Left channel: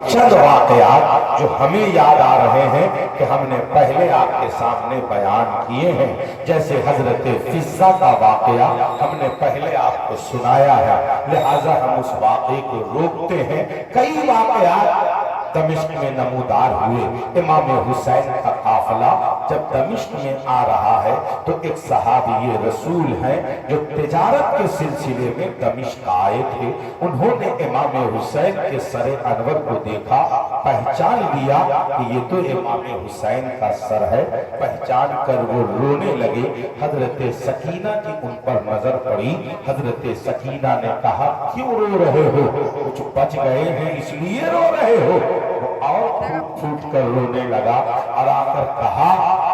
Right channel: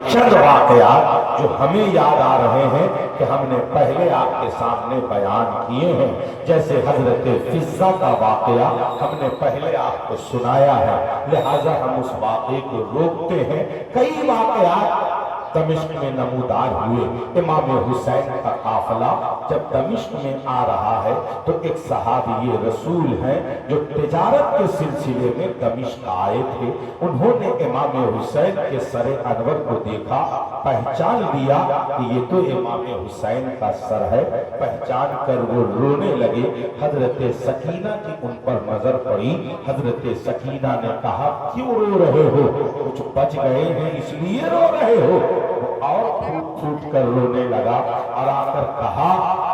चंद वाकयात जो हमें याद आ रहे हैं कि हमने पहले आपके सामने बयान किए हैं, जैसे हजरत फिज़्ज़ा का वाकया हमने पहले आपको सुनाया है, लिहाजा हम उस वाकये को रोकते हैं। कई वाकयात दमिश्क में नमूदार हुए। इमाम हुसैन का काफिला जब दमिश्क में आ रहा है तो एक सहाबी रसूल हैं जो तिजारत के सिलसिले में दमिश्क आए थे। उन्होंने इमाम हुसैन के सर अनवर को देखा, पहचान लिया कि ये तो इमाम हुसैन का सर है। पहचान कर वो रोने लगे। हजरत सकीना की उन पर नजर पड़ी। हजरत सकीना ने कहा, क्यों रो रहे हो? कुछ बच गए हैं इसलिए रो रहे हो? और फूट फूट कर रोने लगा और आकर कहा,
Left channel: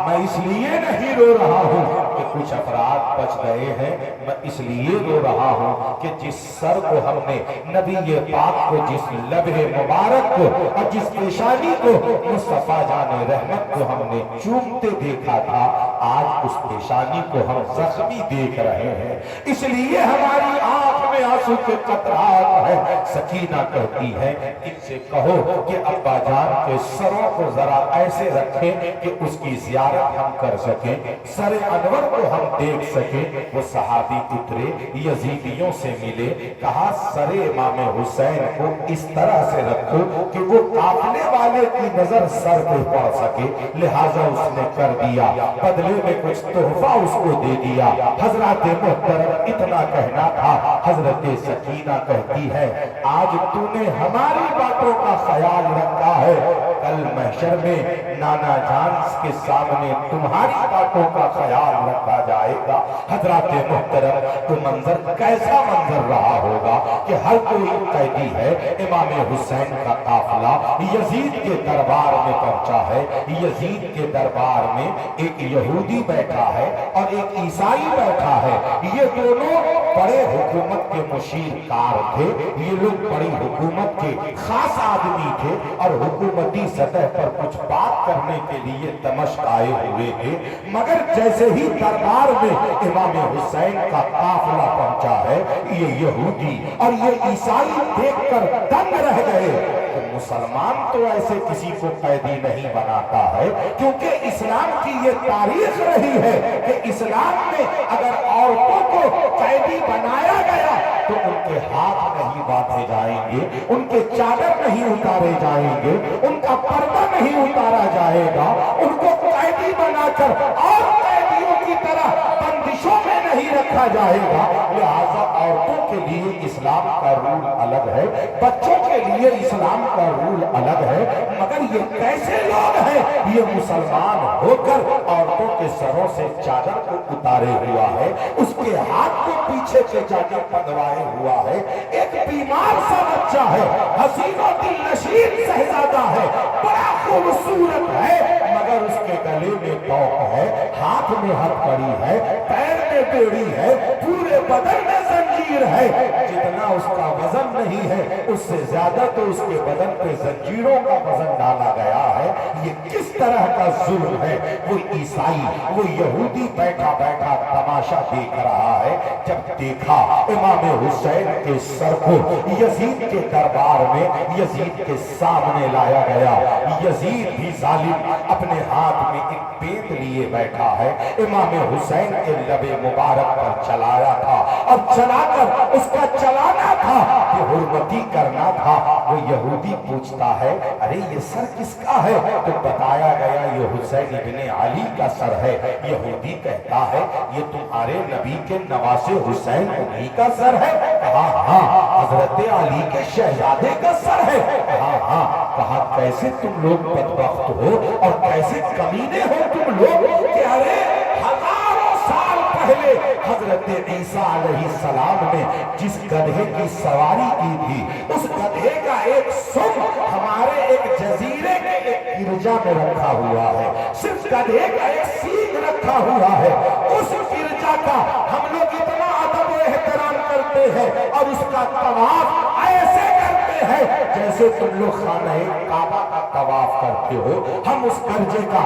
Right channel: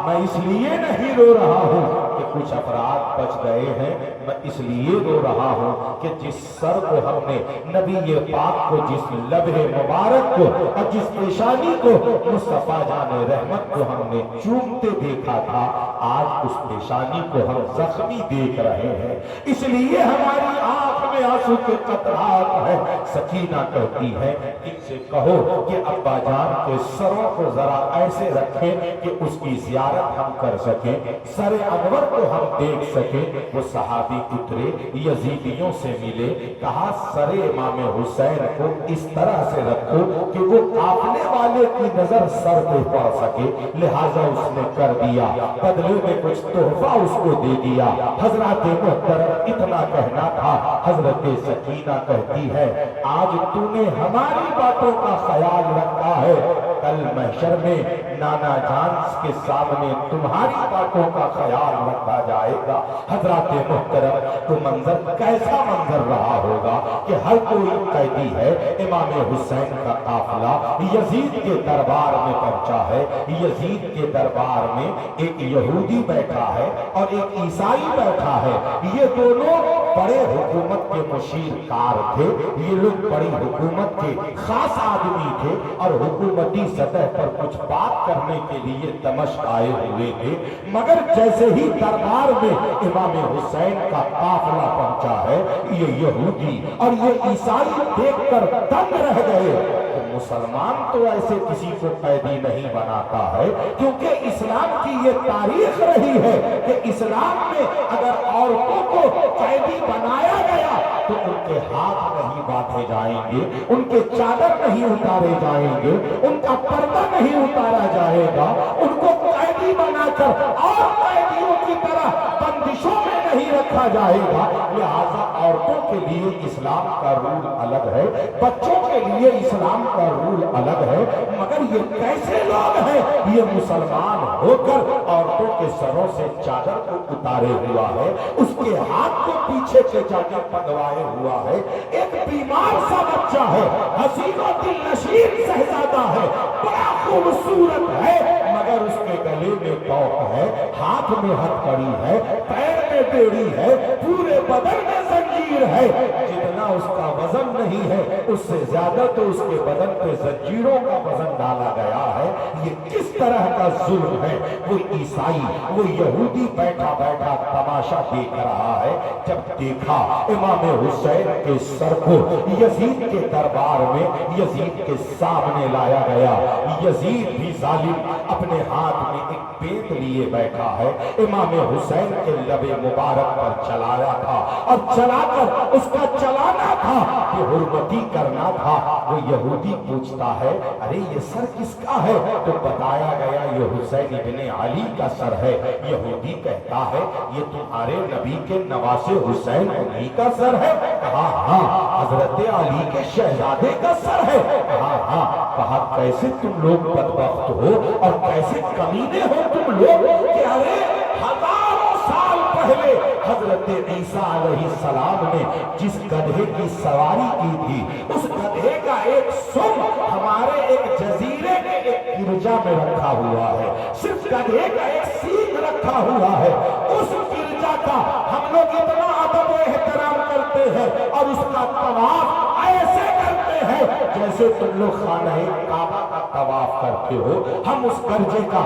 मैं इसलिए नहीं रो रहा हूं कि कुछ अफराद बच गए हैं, मैं इसलिए रो रहा हूं कि जिस सर को हमने नबी पाक को, जिस लबे मुबारक को और जिस पेशानी को मुस्तफा जाने रहमत को हमने चूमते देखा था, आज उस पेशानी को हम जख्मी देख रहे हैं, इसलिए हमारी आंख में आंसू के कतरात है। सकीना कहती है, इनसे कहो कि अब्बा जान के सरों को जरा ऐसे रखें कि उसकी जियारत हम कर सकें, सरे अनवर को हम देख सकें। वो सहाबी उतरे, यजीदियों से मिले, कहा सरे इमाम हुसैन को इस तरह से रखो कि वो काफले वाले की नजर सर पे पड़ सके। लिहाजा उसने कर दिया, बदले में कुछ तोहफा उसको दे दिया। हजरत मुहतरम इतना कहना था। हजरत सकीना कहती है, आज तूने हमारी बातों का ख्याल रखा है, कल महशर में नाना जान के सामने तुम्हारी बातों का ख्याल रखा जाएगा। हजरत मुहतरम तो मंजर कैसा मंजर रहा होगा कि हर कोई कैदी है। इमाम हुसैन का काफिला यजीद के दरबार में पहुंचा है। यजीद के दरबार में एक यहूदी बैठा है और एक ईसाई बैठा है। ये दोनों बड़े हुकूमत के मुशीरकार थे। ये लोग बड़ी हुकूमत के खास आदमी थे और हुकूमती सतह पर कुछ बात करने के लिए दमिश्क आए हुए थे। मगर जैसे ही दरबार में इमाम हुसैन का काफिला पहुंचा है, ये यहूदी और ये ईसाई देखकर दंग रह गए। मुसलमान तो ऐसे किसी को कैदी नहीं बनाता है, क्योंकि इस्लाम की ये तारीख रही है कि इस्लाम में अगर औरतों को कैदी बनाया गया तो उनके हाथ नहीं बांधे जाएंगे, उनके चादर नहीं उतारे जाएंगे, उनका पर्दा नहीं उतारा जाएगा, उनको कैदी बनाकर और कैदियों की तरह बंदिशों में नहीं रखा जाएगा। लिहाजा औरतों के लिए इस्लाम का रूल अलग है, बच्चों के लिए इस्लाम का रूल अलग है। मगर ये कैसे लोग हैं? ये मुसलमान होकर औरतों के सरों से चादर को उतारे हुआ है, उसके हाथ को पीछे से जाके पकड़ाए हुआ है। एक बीमार सा बच्चा है, हसीनों दिल नशीन शहजादा है, बड़ा खूबसूरत है, मगर उसके गले में तौक है, हाथ में हथकड़ी है, पैर में बेड़ी है, पूरे बदन में जंजीर है। जितना उसका वजन नहीं है, उससे ज्यादा तो उसके बदन पे जंजीरों का वजन डाला गया है। ये किस तरह का जुल्म है? वो ईसाई, वो यहूदी बैठा बैठा तमाशा देख रहा है। जब देखा इमाम हुसैन के सर को यजीद के दरबार में, यजीद के सामने लाया गया। यजीद भी जालिम अपने हाथ में एक बेत लिए बैठा है, इमाम हुसैन के लबे मुबारक पर चलाया था और चलाकर उसका चलाना था कि हुर्मती करना था। वो यहूदी पूछता है, अरे ये सर किसका है? तो बताया गया ये हुसैन इब्ने अली का सर है। यहूदी कहता है, ये तुम्हारे नबी के नवासे हुसैन उन्हीं का सर है? कहा हाँ, हजरत अली के शहजादे का सर है। कहा हाँ। कहा कैसे तुम लोग बदबख्त हो और कैसे कमीने हो तुम लोग कि अरे हजारों साल पहले हजरत ईसा अलैहिस्सलाम ने जिस गधे की सवारी की थी, उस गधे का एक सुम हमारे एक जजीरे के एक गिरजा में रखा हुआ है। सिर्फ गधे का एक सींग रखा हुआ है। उस गिरजा का हम लोग इतना अदब और एहतराम करते हैं और उसका तवाफ ऐसे करते करते हैं जैसे तुम लोग खाना काबा का तवाफ करते हो, हम उस गिरजे का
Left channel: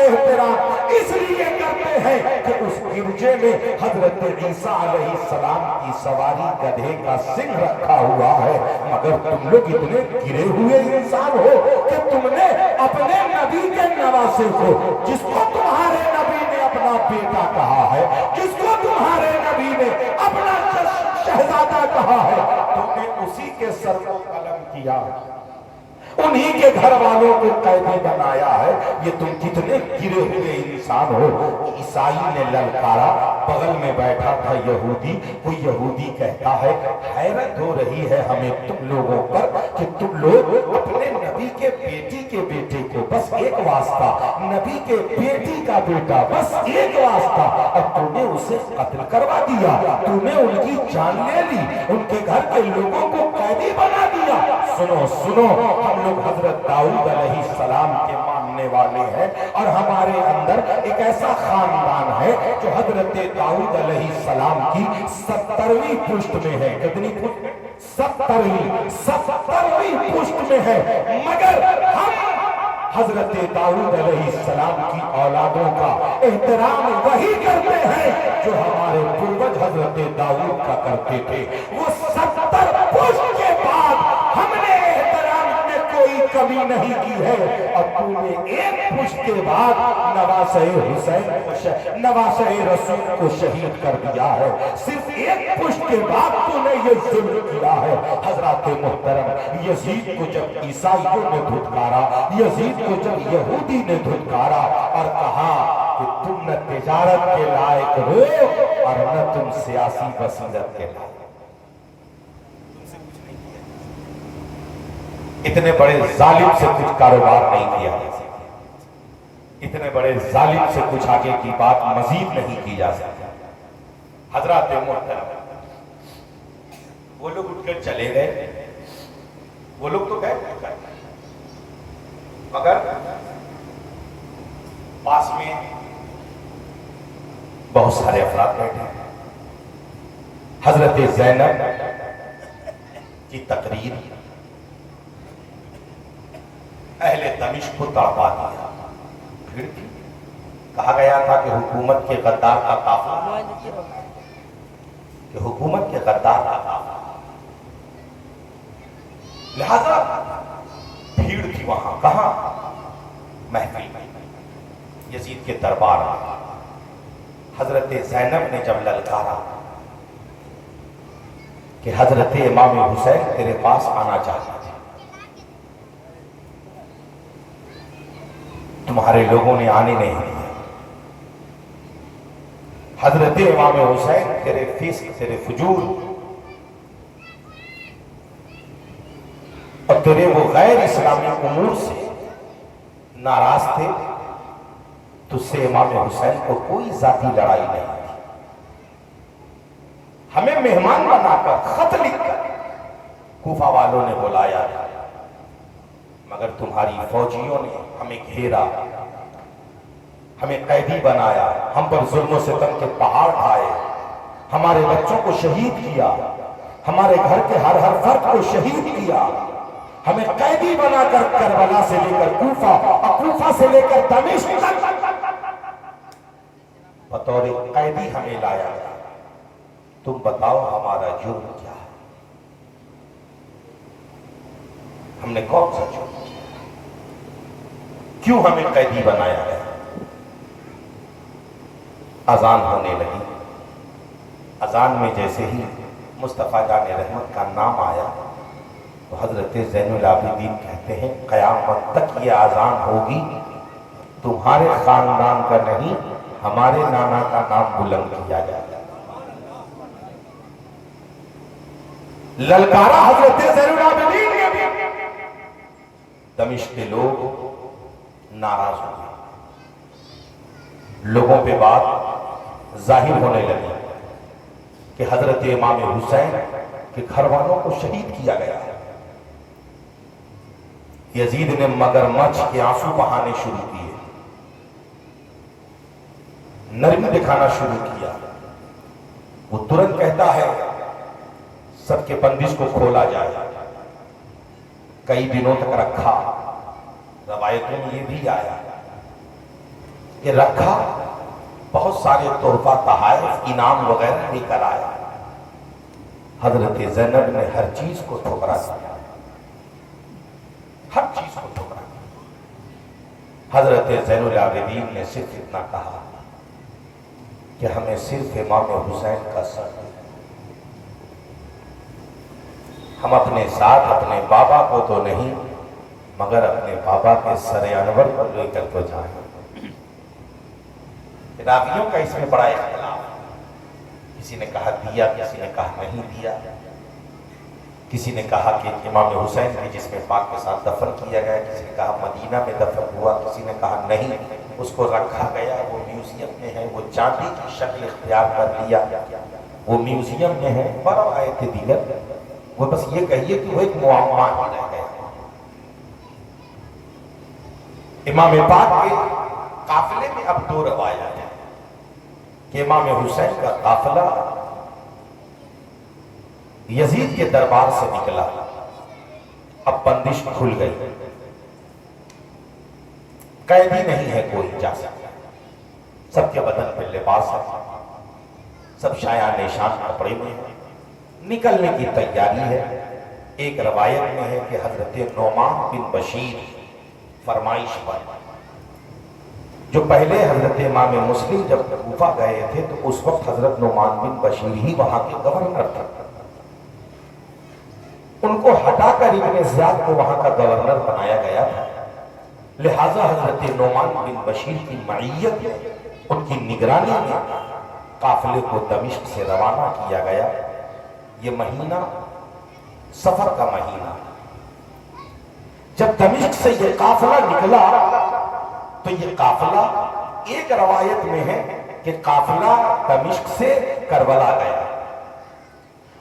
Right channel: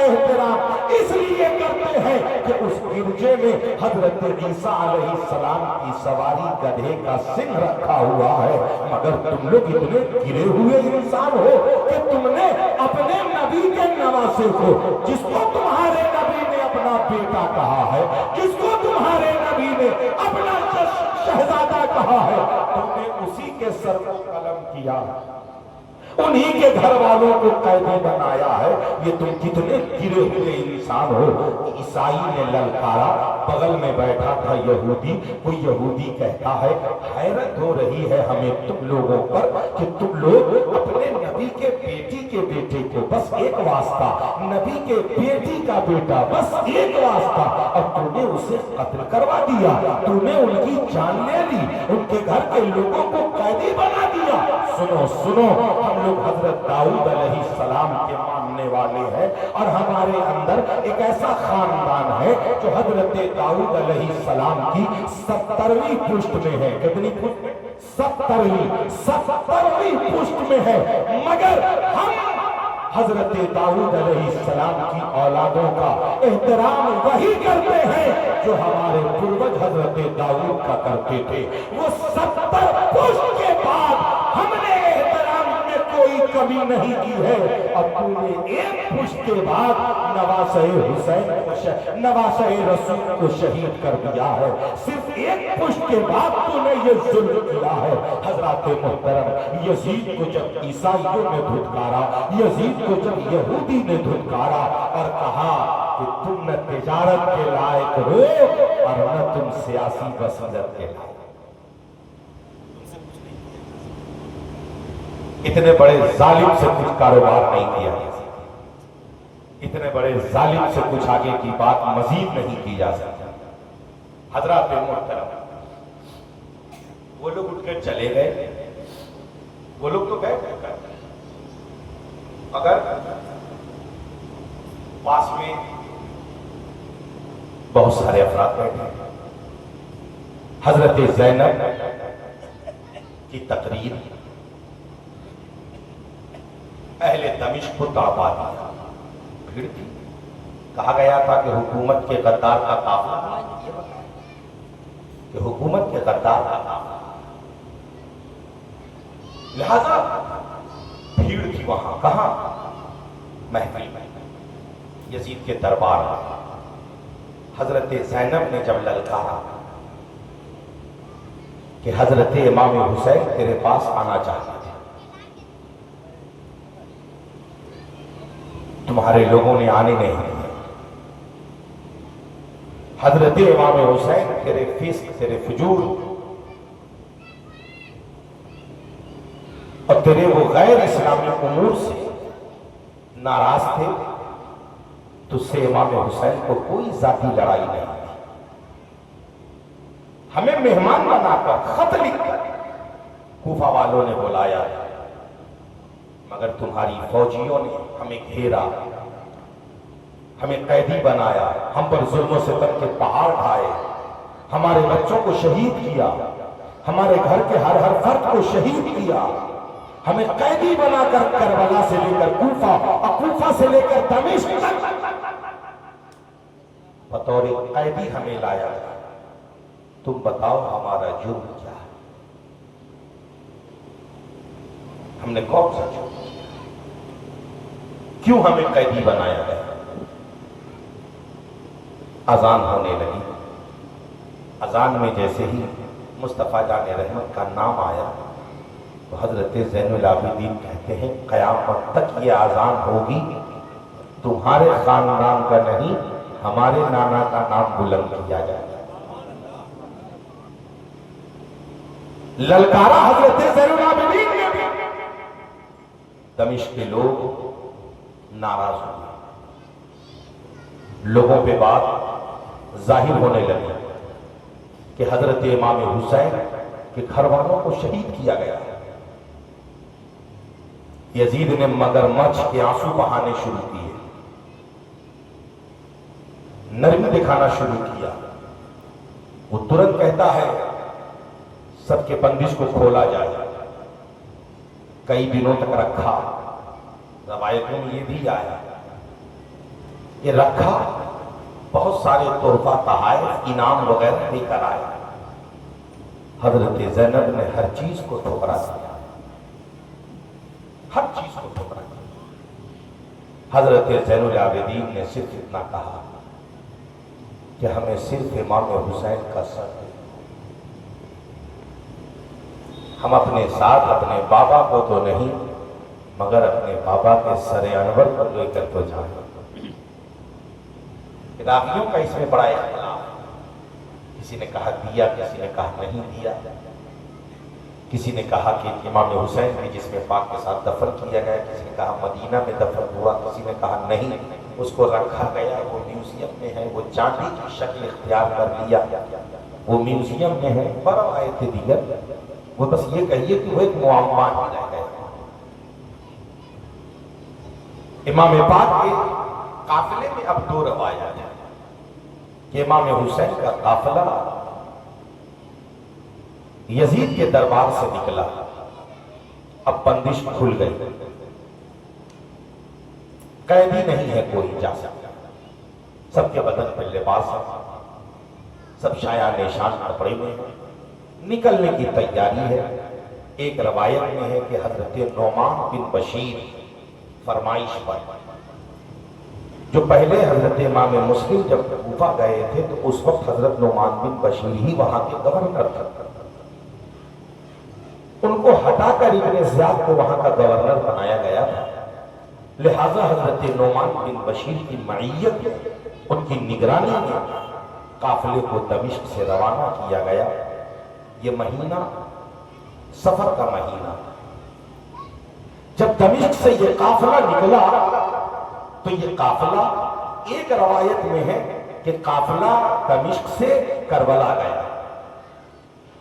एहतराम इसलिए करते हैं कि उस गिरजे में हजरत ईसा अलैहिस्सलाम की सवारी गधे का सिंह रखा हुआ है। मगर तुम लोग इतने गिरे हुए इंसान हो कि तुमने अपने नबी के नवासे को, जिसको तुम्हारे नबी ने अपना बेटा कहा है, जिसको तुम्हारे नबी ने अपना शहजादा कहा है, तुमने उसी के सर को कलम किया, उन्हीं के घर वालों को कैदी बनाया है। ये तुम कितने गिरे हुए इंसान हो। ईसाई ने ललकारा, बगल में बैठा था यहूदी, कोई यहूदी कहता है हैरत हो रही है हमें तुम लोगों पर कि तुम लोग अपने नबी के बेटी के बेटे को, बस एक वास्ता, नबी के बेटी का बेटा, बस एक वास्ता, और तूने उसे कत्ल करवा दिया, तूने उनकी जान ले ली, उनके घर के लोगों को कैदी बना दिया। सुनो सुनो, हम लोग हजरत दाऊद अलैहिस्सलाम के मानने वाले हैं और हमारे अंदर एक ऐसा खानदान है जो हजरत दाऊद अलैहिस्सलाम की 70वीं पुश्त में है। कितनी पुश्त? 70वीं पुश्त में है। मगर हम हजरत दाऊद अलैहिस्सलाम की औलादों का एहतराम वही करते हैं जो हमारे पूर्वज हजरत दाऊद का करते थे। वो 70 पुश्त के बाद हमने कोई कमी नहीं की है। अब तूने एक पुश्त के बाद नवासे हुसैन, नवासे रसूल को शहीद कर दिया है। सिर्फ एक पुश्त के बाद तूने ये जुल्म किया है। हजरत मोहतरम, यजीद को जब ईसाइयों ने धुतकारा, यजीद को जब यहूदी ने धुतकारा और कहा कि तुम न तिजारत के लायक हो और न तुम सियासी बसीरत के लायक, इतने बड़े जालिम से कुछ कारोबार नहीं किया जा सकता, इतने बड़े जालिम से कुछ आगे की बात मजीद नहीं की जा सकती। हजरत मोहतरम, वो लोग उठकर चले गए, वो लोग तो गए, मगर पास में बहुत सारे अफराद बैठे। हजरत ज़ैनब की तकरीर अहले दमिश्क को तापा दिया। फिर कहा गया था कि हुकूमत के गद्दार का काफिला, कि हुकूमत के गद्दार का काफिला, लिहाजा भीड़ थी वहां। कहां? महफिल में, यजीद के दरबार में। हजरत ज़ैनब ने जब ललकारा कि हजरत इमाम हुसैन तेरे पास आना चाहता, तुम्हारे लोगों ने आने नहीं दिया। हजरत इमाम हुसैन तेरे फिस्क, तेरे फजूल और तेरे वो गैर इस्लामी उमूर से नाराज थे। तुझसे इमाम हुसैन को कोई जाती लड़ाई नहीं थी। हमें मेहमान बनाकर, खत लिखकर कूफा वालों ने बुलाया, मगर तुम्हारी फौजियों ने हमें घेरा, हमें कैदी बनाया, हम पर जुल्म सितम के पहाड़ ढाए, हमारे बच्चों को शहीद किया, हमारे घर के हर फर्द को शहीद किया, हमें कैदी बनाकर करबला से लेकर कूफा और कूफा से लेकर दमिश्क तक बतौर कैदी हमें लाया। तुम बताओ हमारा जुर्म क्या है? हमने कौन सा जुर्म किया? क्यों हमें कैदी बनाया है? अजान होने लगी। अजान में जैसे ही मुस्तफ़ा जाने रहमत का नाम आया तो हजरत ज़ैनुल आबिदीन कहते हैं क़यामत तक ये अजान होगी, तुम्हारे खानदान का नहीं, हमारे नाना का नाम बुलंद किया जाएगा। ललकारा हजरत ज़ैनुल आबिदीन ने। दमिश्क के लोग नाराज हुए, लोगों पे बात जाहिर होने लगी कि हजरत इमाम हुसैन के घर वालों को शहीद किया गया है। यजीद ने मगरमच्छ के आंसू बहाने शुरू किए, नरमी दिखाना शुरू किया। वो तुरंत कहता है सबके बंदिश को खोला जाए। कई दिनों तक रखा। रवायतों में ये भी आया कि रखा, बहुत सारे तोहफा तहाइफ इनाम वगैरह लेकर आया। हजरत ज़ैनब ने हर चीज को ठुकरा दिया, हर चीज को ठुकरा दिया। हजरत ज़ैनुल आबिदीन ने सिर्फ इतना कहा कि हमें सिर्फ इमाम हुसैन का सर दे। हम अपने साथ अपने बाबा को तो नहीं, मगर अपने बाबा के सर अनवर को लेकर तो जाए। रावियों का इसमें बड़ा इख्तिलाफ, किसी ने कहा दिया, किसी ने कहा नहीं दिया। किसी ने कहा कि इमाम हुसैन ने जिसमें पाक के साथ दफन किया गया, किसी ने कहा मदीना में दफन हुआ, किसी ने कहा नहीं उसको रखा गया, वो म्यूजियम में है, वो चांदी की शक्ल इख्तियार कर लिया, वो म्यूजियम में है। बड़ा आयत दिया, वो बस ये कहिए कि वो एक मुआम्मा ही रह गया। इमाम पाक के काफिले में अब दो रवायत है कि इमाम हुसैन का काफिला यजीद के दरबार से निकला, अब बंदिश खुल गई, कैदी नहीं है कोई जा सकता, सबके बदन पे लिबास है, सब शाया निशान कपड़े में है, निकलने की तैयारी है। एक रवायत में है कि हजरत नौमान बिन बशीर फरमाइश पर, जो पहले हजरत इमाम मुस्लिम जब कूफा गए थे तो उस वक्त हजरत नौमान बिन बशीर ही वहां के गवर्नर थे, उनको हटाकर इब्ने ज़ियाद को वहां का गवर्नर बनाया गया था। लिहाजा हजरत नौमान बिन बशीर की मईयत, उनकी निगरानी में काफिले को दमिश्क से रवाना किया गया। ये महीना सफर का महीना, जब दमिश्क से ये काफिला निकला तो ये काफिला, एक रवायत में है कि काफिला दमिश्क से करबला गया,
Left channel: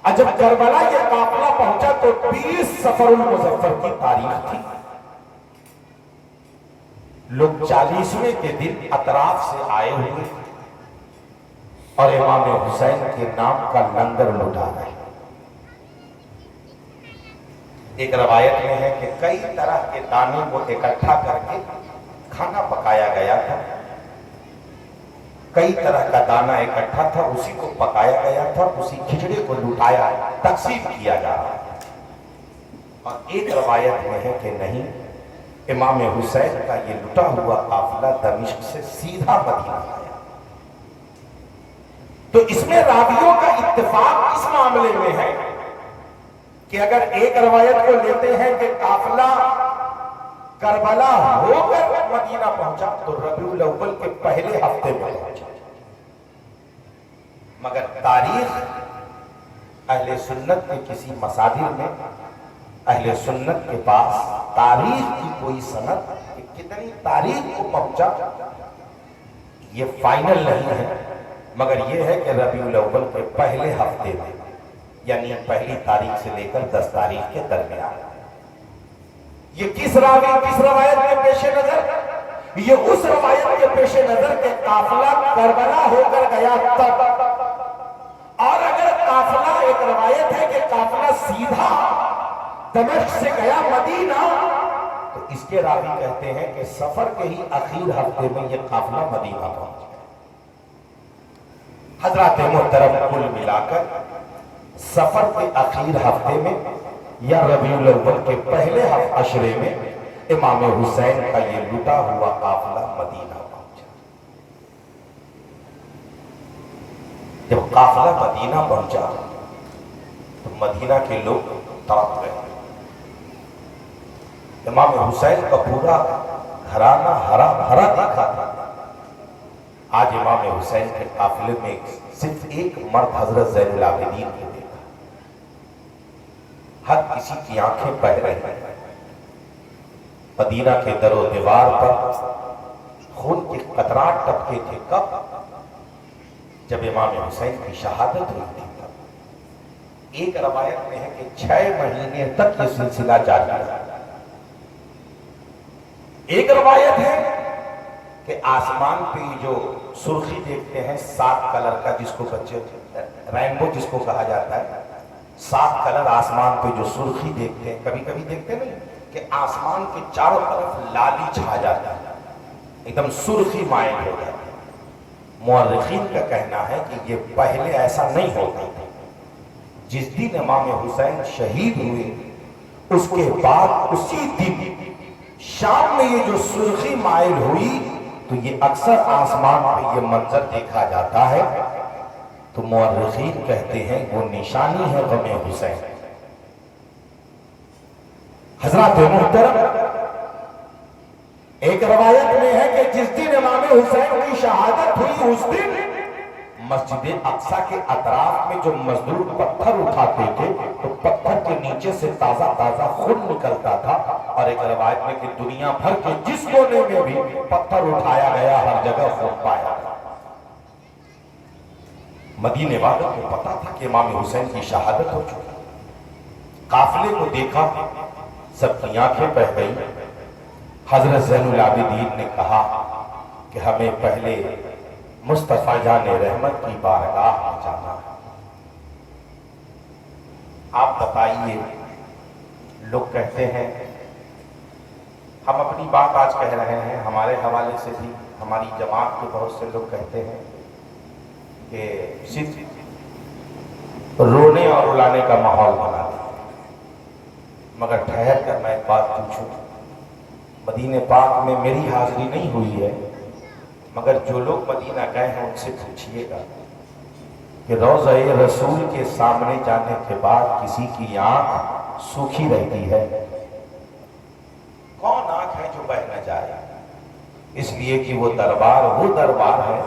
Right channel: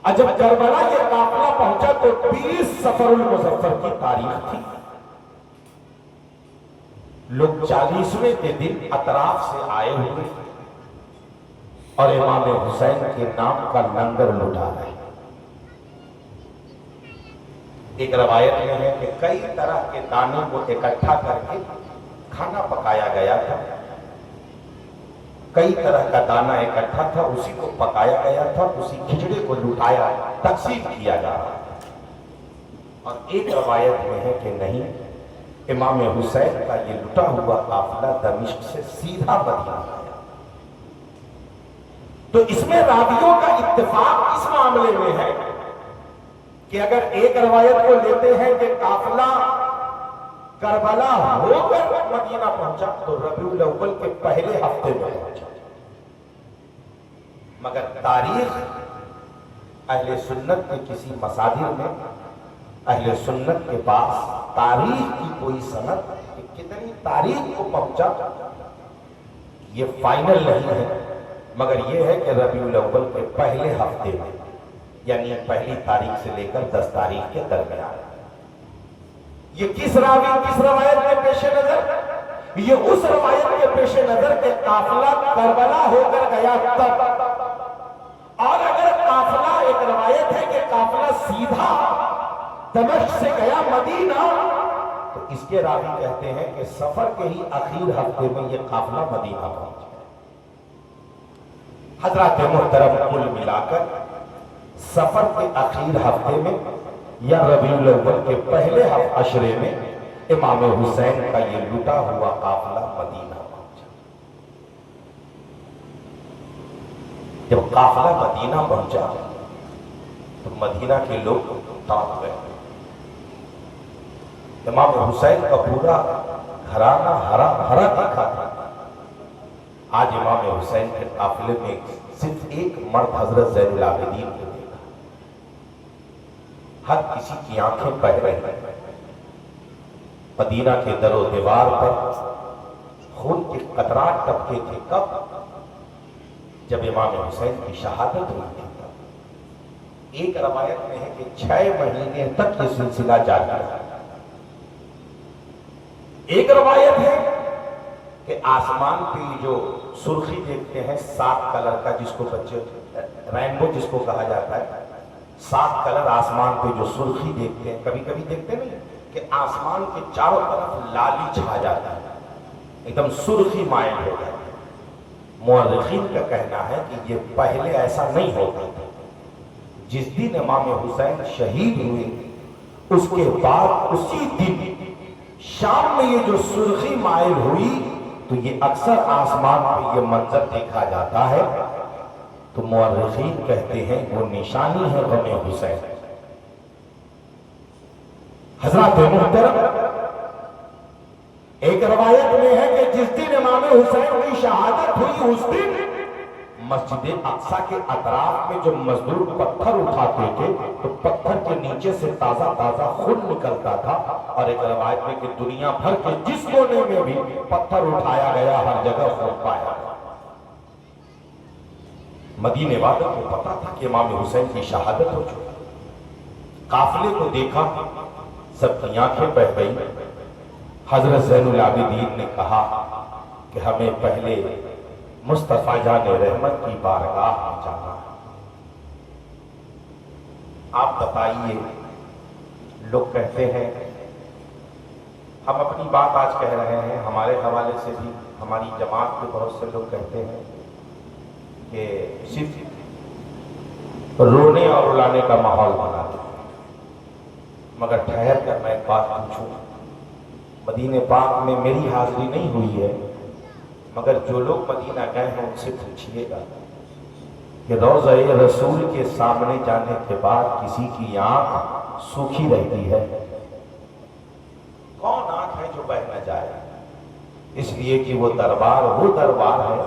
और जब करबला ये काफिला पहुंचा तो 20 सफरुल मुज़फ्फर की तारीख थी। लोग 40वें के दिन अतराफ से आए हुए और इमाम हुसैन के नाम का लंगर लुटा रहे। एक रवायत में है कि कई तरह के दानों को इकट्ठा करके खाना पकाया गया था, कई तरह का दाना इकट्ठा था, उसी को पकाया गया था, उसी खिचड़ी को लुटाया, तकसीम किया जा रहा था। और एक रवायत में है कि नहीं, इमाम हुसैन का ये लुटा हुआ काफिला दमिश्क से सीधा मदीना आया। तो इसमें रावियों का इत्तेफाक इस मामले में है कि अगर एक रवायत को लेते हैं कि काफिला करबला होकर मदीना पहुंचा तो रबीउल अव्वल के पहले हफ्ते में पहुंचा, मगर तारीख अहले सुन्नत के किसी मसादिर में, अहले सुन्नत के पास तारीख की कोई सनद कि कितनी तारीख को पहुंचा ये फाइनल नहीं है, मगर ये है कि रबीउल अव्वल के पहले हफ्ते में, यानी पहली तारीख से लेकर 10 तारीख के दरमियान। ये किस रवायत के पेश नजर? ये उस रवायत के पेश नजर के काफिला करबला होकर गया तब। और अगर काफिला, एक रवायत है कि काफिला सीधा दमिश्क से गया मदीना, तो इसके रावी कहते हैं कि सफर के ही आखिर हफ्ते में यह काफिला मदीना पहुंच गया। हजरत मोहतरम कुल मिलाकर सफर के आखिर हफ्ते में या रबीउल अव्वल के पहले अशरे में इमाम हुसैन का ये लुटा हुआ काफिला मदीना पहुंचा। जब काफिला मदीना पहुंचा तो मदीना के लोग तड़प गए। इमाम हुसैन का पूरा घराना हरा भरा देखा था। आज इमाम हुसैन के काफिले में सिर्फ एक मर्द हजरत ज़ैनुल आबिदीन को देखा। हर किसी की आंखें बह रही। मदीना के दरो दीवार पर खून के कतरात टपके थे। कब? जब इमाम हुसैन की शहादत हुई थी तब। एक रवायत में है कि 6 महीने तक ये सिलसिला जारी रहा। एक रवायत है कि आसमान पे जो सुर्खी देखते हैं 7 कलर का, जिसको बच्चे रेनबो जिसको कहा जाता है, 7 कलर आसमान पे जो सुर्खी देखते हैं, कभी कभी देखते नहीं, کہ آسمان کے چاروں طرف لالی چھا جاتا ہے، ایک دم سرخی مائل ہو جاتا ہے۔ مورخین کا کہنا ہے کہ یہ پہلے ایسا نہیں ہوتا تھا۔ جس دن امام حسین شہید ہوئے اس کے بعد اسی دن شام میں یہ جو سرخی مائل ہوئی تو یہ اکثر آسمان پہ یہ منظر دیکھا جاتا ہے، تو مورخین کہتے ہیں وہ نشانی ہے غم حسین۔ حضرات محترم، ایک روایت میں ہے کہ جس دن امام حسین کی شہادت ہوئی اس دن مسجد اقصی کے اطراف میں جو مزدور پتھر اٹھاتے تھے تو پتھر کے نیچے سے تازہ تازہ خون نکلتا تھا، اور ایک روایت میں کہ دنیا بھر کے جس کونے میں بھی پتھر اٹھایا گیا ہر جگہ خون پایا گیا۔ مدینے والوں کو پتا تھا کہ امام حسین کی شہادت ہو چکی۔ قافلے کو دیکھا، سب کی آنکھیں بہہ گئی۔ حضرت زین العابدین نے کہا کہ ہمیں پہلے مصطفیٰ جان رحمت کی بارگاہ میں جانا ہے۔ آپ بتائیے، لوگ کہتے ہیں، ہم اپنی بات آج کہہ رہے ہیں، ہمارے حوالے سے بھی ہماری جماعت کے بہت سے لوگ کہتے ہیں کہ صرف رونے اور رلانے کا ماحول بنا دیا۔ مگر ٹھہر کر میں ایک بات پوچھوں، مدینہ پاک میں میری حاضری نہیں ہوئی ہے، مگر جو لوگ مدینہ گئے ہیں ان سے پوچھئے گا کہ روضہ رسول کے سامنے جانے کے بعد کسی کی آنکھ سوکھی رہتی ہے؟ کون آنکھ ہے جو بہہ نہ جائے؟ اس لیے کہ وہ دربار ہے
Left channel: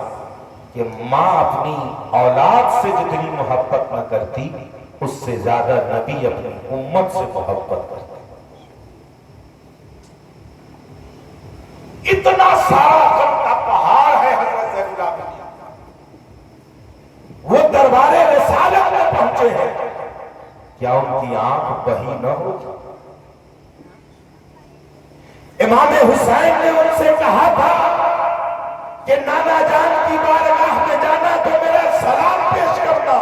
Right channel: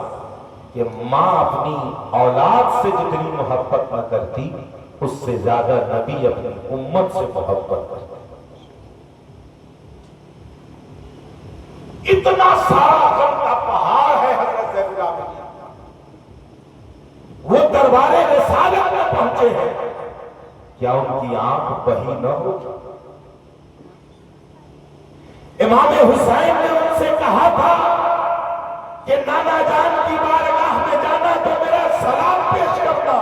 کہ ماں اپنی اولاد سے جتنی محبت نہ کرتی اس سے زیادہ نبی اپنی امت سے محبت کرتے۔ اتنا سارا غم کا پہاڑ ہے حضرت زین العابدین کا، وہ دربار رسالت میں پہنچے ہیں، کیا ان کی آنکھ بہی نہ ہو؟ امام حسین نے ان سے کہا تھا کہ نانا جان کی بارگاہ میں جانا تو میرا سلام پیش کرنا۔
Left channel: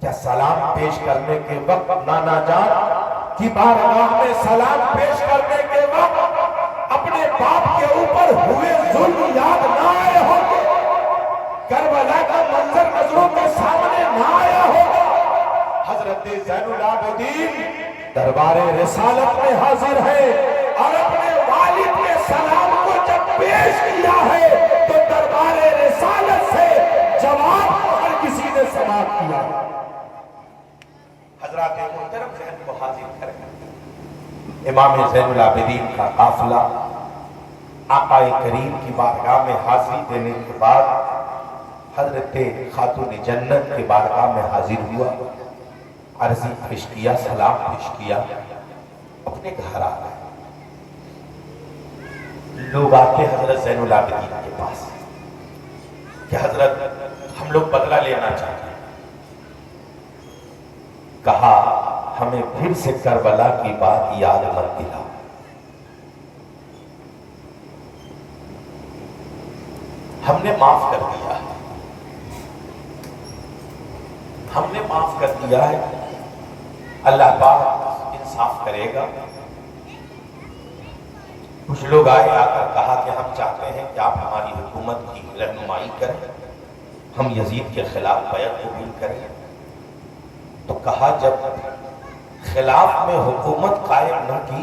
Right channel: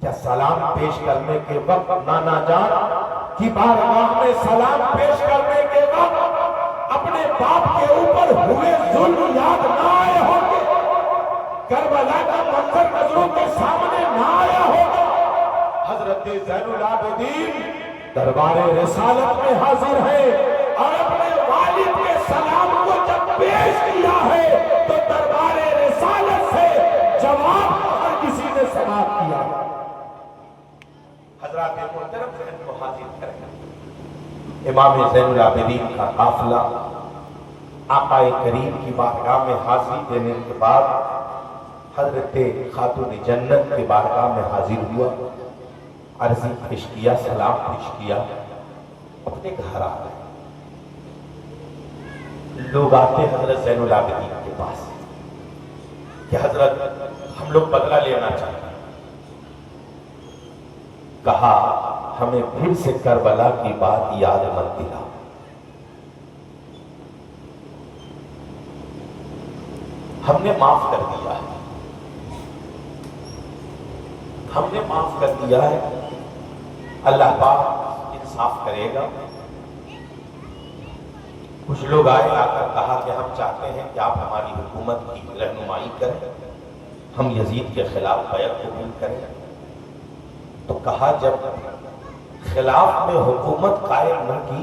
کیا سلام پیش کرنے کے وقت نانا جان کی بارگاہ میں سلام پیش کرنے کے وقت اپنے باپ کے اوپر ہوئے ظلم یاد نہ آئے ہوں گے؟ کربلا کا منظر نظروں کے سامنے نہ آیا ہوگا؟ حضرت زین العابدین دربار رسالت میں حاضر ہے اور اپنے والد کے سلام کو جب پیش کیا ہے تو دربار رسالت سے جواب ہر کسی نے سماعت کیا۔ حضرات محترم، ذہن کو حاضر کریں، امام زین العابدین کا قافلہ آقا کریم کی بارگاہ میں حاضری دینے کے بعد حضرت خاتون جنت کی بارگاہ میں حاضر ہوا، عرضی پیش کیا، سلام پیش کیا، اپنے گھر آ گئے۔ لوگ آتے حضرت زین العابدین کے پاس کہ حضرت ہم لوگ بدلہ لینا چاہتے ہیں۔ کہا ہمیں پھر سے کربلا کی بات یاد مت دلا، ہم نے معاف کر دیا ہے، ہم نے معاف کر دیا ہے، اللہ پاک انصاف کرے گا۔ کچھ لوگ آئے، آ کر کہا کہ ہم چاہتے ہیں کہ آپ ہماری حکومت کی رہنمائی کریں، ہم یزید کے خلاف بیعت قبول کریں۔ تو کہا جب خلاف میں حکومت قائم نہ کی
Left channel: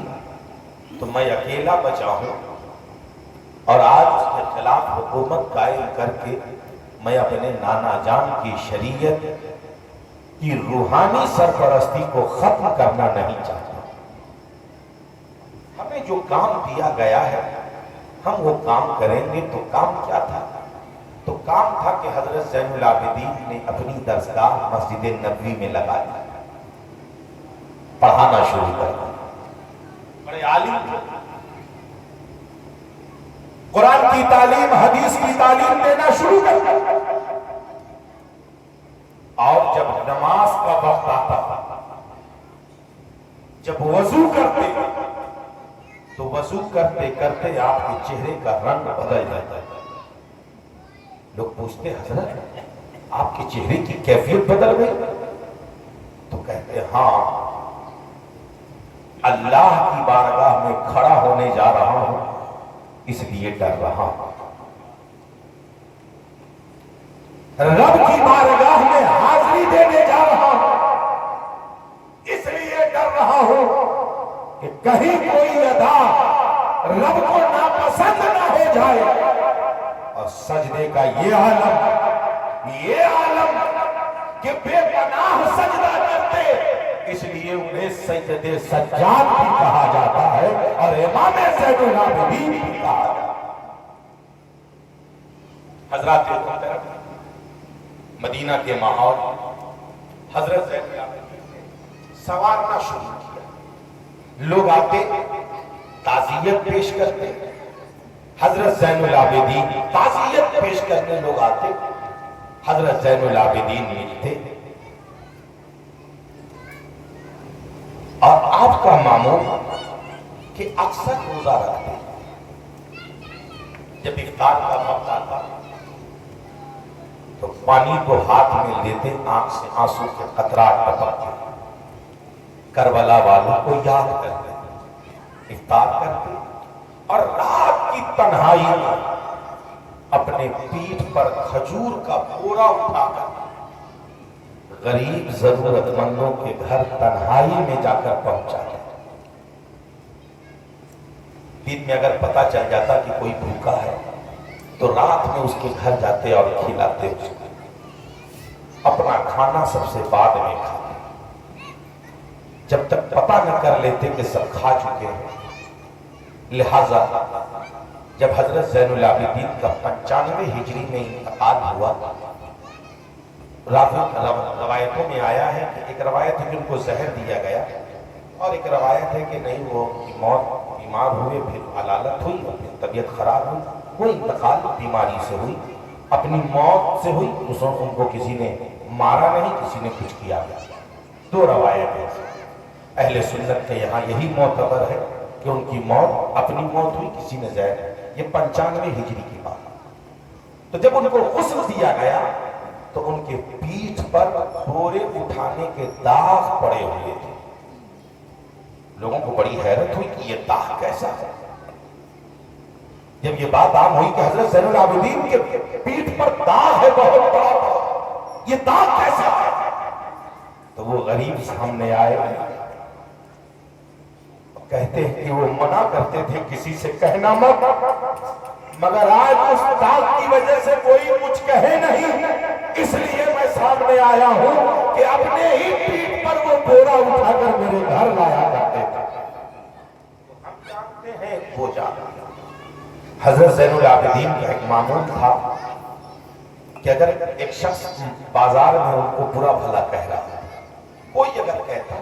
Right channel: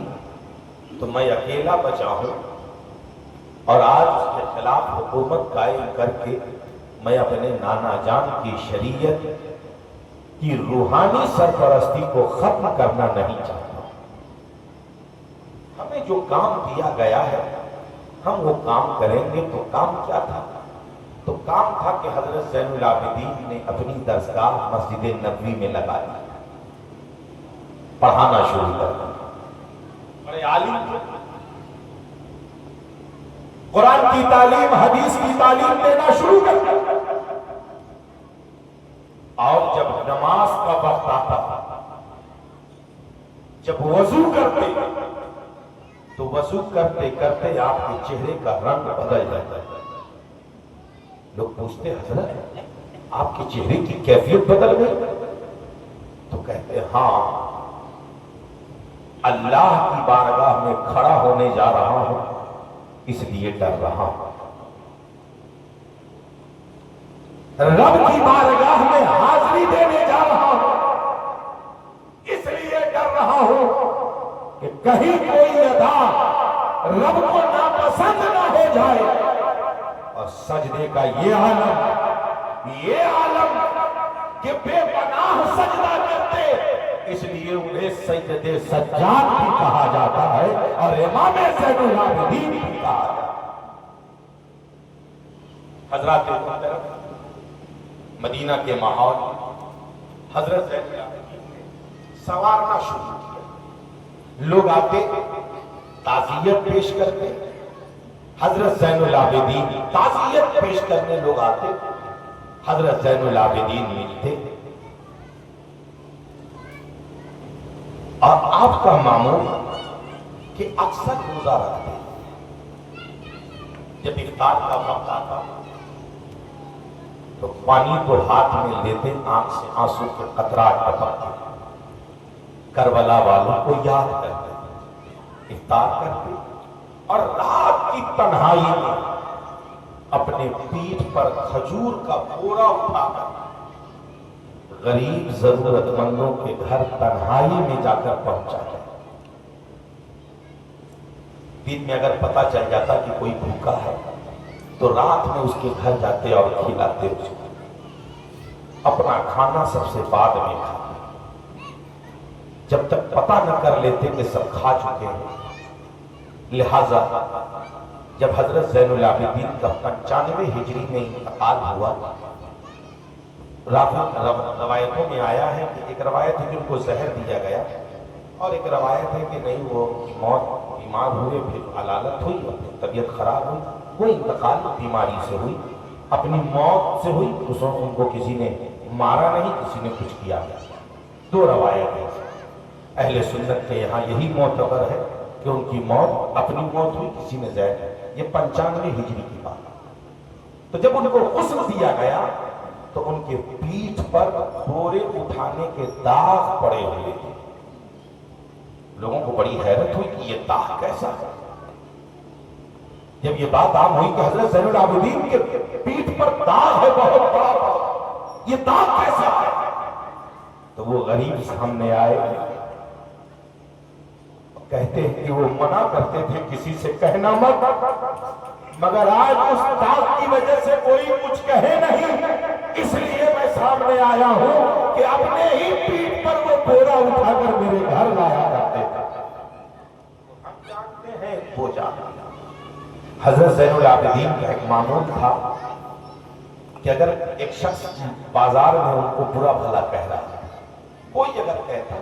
تو میں اکیلا بچا ہوں، اور آج اس کے خلاف حکومت قائم کر کے میں اپنے نانا جان کی شریعت کی روحانی سرپرستی کو ختم کرنا نہیں چاہتا۔ ہمیں جو کام دیا گیا ہے ہم وہ کام کریں گے۔ تو کام کیا تھا؟ تو کام تھا کہ حضرت زین العابدین نے اپنی درسگاہ مسجد نبوی میں لگا دی، پڑھانا شروع کر دیا۔ بڑے عالم تھے، قرآن کی تعلیم، حدیث کی تعلیم دینا شروع کر دیا۔ اور جب نماز کا وقت آتا، جب وضو کرتے تو وضو کرتے کرتے آپ کے چہرے کا رنگ بدل جاتا ہے۔ لوگ پوچھتے حضرت آپ کے چہرے کی کیفیت بدل گئی؟ تو کہتے ہاں، अल्लाह की बारगाह में खड़ा होने जा रहा हूं, इसलिए डर रहा हूं। रब की बारगाह में हाजिरी देने जा रहा हूं, इसलिए डर रहा हूं कि कहीं कोई अदा रब को नापसंद ना हो जाए। और सजदे का ये आलम कि बेपनाह सजदा करते, इसलिए उन्हें सज्जदे सज्जाद भी कहा जाता है और इमाम ज़ैनुल आबिदीन भी कहा जाता है। हजरत मोहतरम, मदीना के माहौल हजरत ज़ैनुल आबिदीन ने संवारना शुरू किया। लोग आते, ताज़ियत पेश करते, हजरत ज़ैनुल आबिदीन ताज़ियत पेश करने लोग आते, हजरत ज़ैनुल आबिदीन मिलते और आपका मामूल कि अक्सर रोजा रखते। जब इफ्तार का वक्त आता तो पानी को हाथ में लेते, आंख से आंसू के कतरात टपकते, करबला वालों को याद करते, इफ्तार करते और रात की तन्हाई में अपने पीठ पर खजूर का बोरा उठाकर गरीब जरूरतमंदों के घर तन्हाई में जाकर पहुंचा है। दिन में अगर पता चल जाता कि कोई भूखा है तो रात में उसके घर जाते और खिलाते उसको। अपना खाना सबसे बाद में खाते, जब तक पता न कर लेते कि सब खा चुके हैं। लिहाजा जब हजरत ज़ैनुल आबिदीन का 95 हिजरी में इंतकाल हुआ, रवायतों में आया है कि एक रवायत है कि उनको जहर दिया गया और एक रवायत है कि नहीं, वो मौत, बीमार हुए, फिर हलालत हुई और फिर तबीयत खराब हुई। वो इंतकाल बीमारी से हुई, अपनी मौत से हुई। उनको किसी ने मारा नहीं, किसी ने कुछ किया नहीं। दो रवायत है। अहले सुन्नत के यहाँ यही मोतबर है कि उनकी मौत अपनी मौत हुई, किसी ने जहर। ये 95 हिजरी की बात। तो जब उनको गुस्ल दिया गया तो उनके पीठ पर बोरे उठाने के दाग पड़े हुए थे। लोगों को बड़ी हैरत हुई कि ये दाग कैसा है। जब ये बात आम हुई कि हजरत ज़ैनुल आबिदीन के पीठ पर दाग है बहुत बड़ा, ये दाग कैसा है, तो वो गरीब सामने आए, कहते हैं कि वो मना करते थे किसी से कहना मत, मगर आज उस दाग की वजह से कोई कुछ कहे नहीं, इसलिए मैं सामने आया हूं कि अपने ही पीठ पर वो बोरा उठाकर मेरे घर लाया करते थे। हम जानते हैं वो जानते। हजरत ज़ैनुल आबिदीन का एक मामूल था कि अगर एक शख्स बाजार में उनको बुरा भला कह रहा है, कोई अगर कहता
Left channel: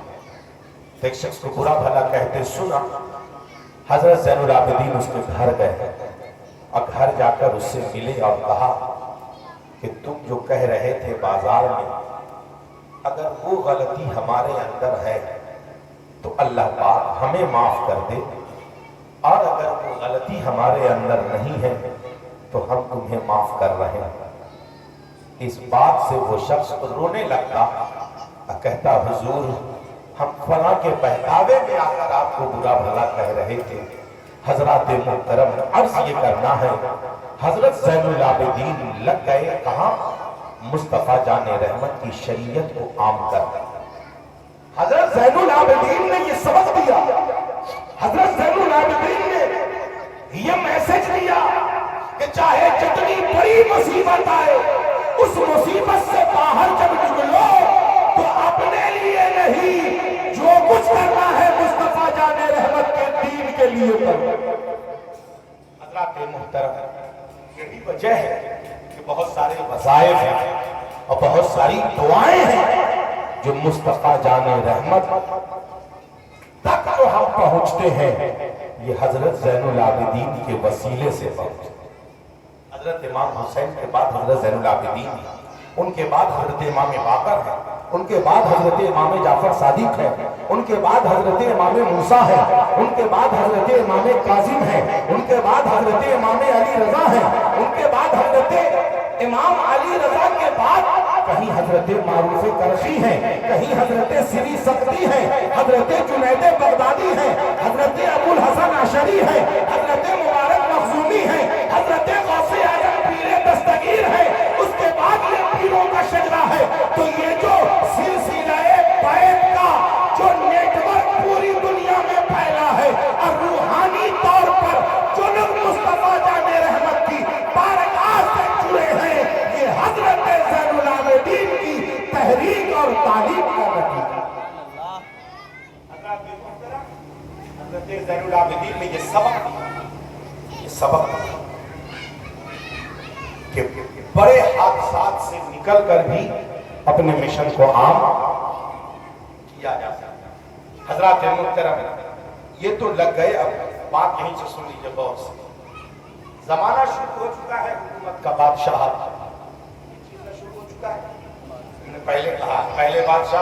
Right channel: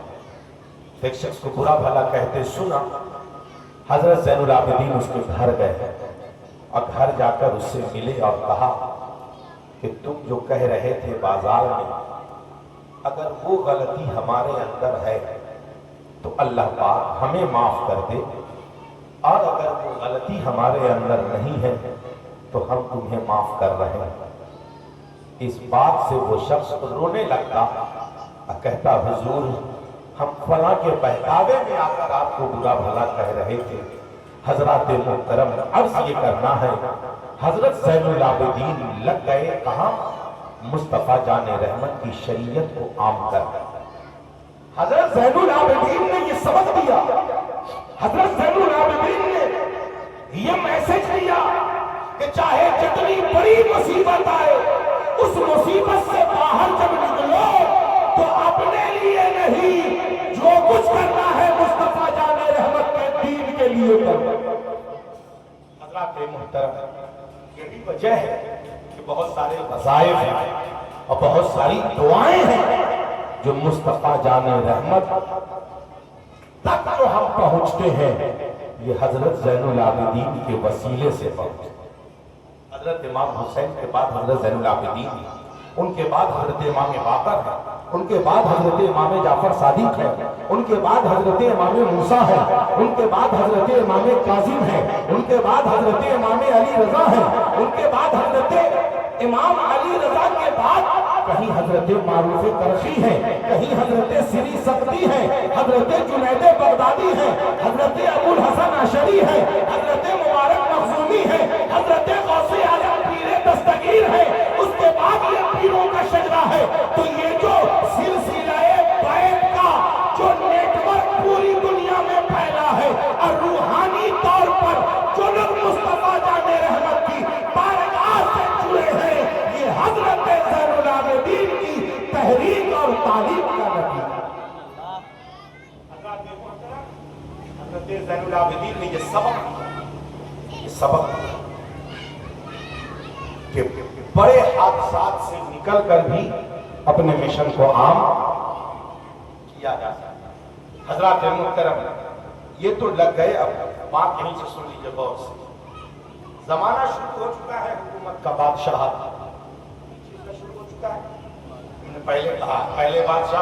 तो एक शख्स को बुरा भला कहते सुना, हजरत ज़ैनुल आबिदीन उसके घर गए और घर जाकर उससे मिले और कहा कि तुम जो कह रहे थे बाजार में, अगर वो गलती हमारे अंदर है तो अल्लाह पाक हमें माफ कर दे, और अगर वो गलती हमारे अंदर नहीं है तो हम तुम्हें माफ कर रहे हैं। इस बात से वो शख्स रोने लगता और कहता, हुजूर हम फलां के बहकावे में आकर आपको बुरा भला कह रहे थे। हजरत मोहतरम, अर्ज ये करना है, हजरत ज़ैनुल आबिदीन लग गए कहां? मुस्तफा जाने रहमत की शरीयत को आम कर। हजरत ज़ैनुल आबिदीन ने ये सबक दिया, हजरत ज़ैनुल आबिदीन ने ये मैसेज दिया कि चाहे जितनी बड़ी मुसीबत आए, उस मुसीबत से बाहर जब निकलो तो अपने लिए नहीं, जो कुछ करना है मुस्तफा जाने रहमत के दीन के लिए करो। हजरत मोहतरम, यही वजह है कि बहुत सारे वज़ाइफ हैं और बहुत सारी दुआएं हैं जो मुस्तफा जाने रहमत तक जो हम पहुंचते हैं, ये हजरत ज़ैनुल आबिदीन के वसीले से पहुंचते। हजरत इमाम हुसैन के बाद हजरत ज़ैनुल आबिदीन, उनके बाद हजरत इमाम बाकर है, उनके बाद हजरत इमाम जाफर सादिक है, उनके बाद हजरत इमाम मूसा है, उनके बाद हजरत इमाम कासिम है, उनके बाद हजरत इमाम अली रजा है, उनके बाद हजरत इमाम अली रजा के बाद कहीं हजरत मारूफ करशी है, कहीं हजरत सिरी सक्ती है, हजरत जुनैद बगदादी है, तारीख में ये सबक कि बड़े हादसा से निकल कर भी अपने मिशन को आम किया जा सकता। हजरत मुहतरम, ये तो लग गए, अब बात यहीं से सुन लीजिए गौर से। जमाना शुरू हो चुका है हुकूमत का, बादशाह शुरू हो चुका है। मैंने पहले कहा, पहले बादशाह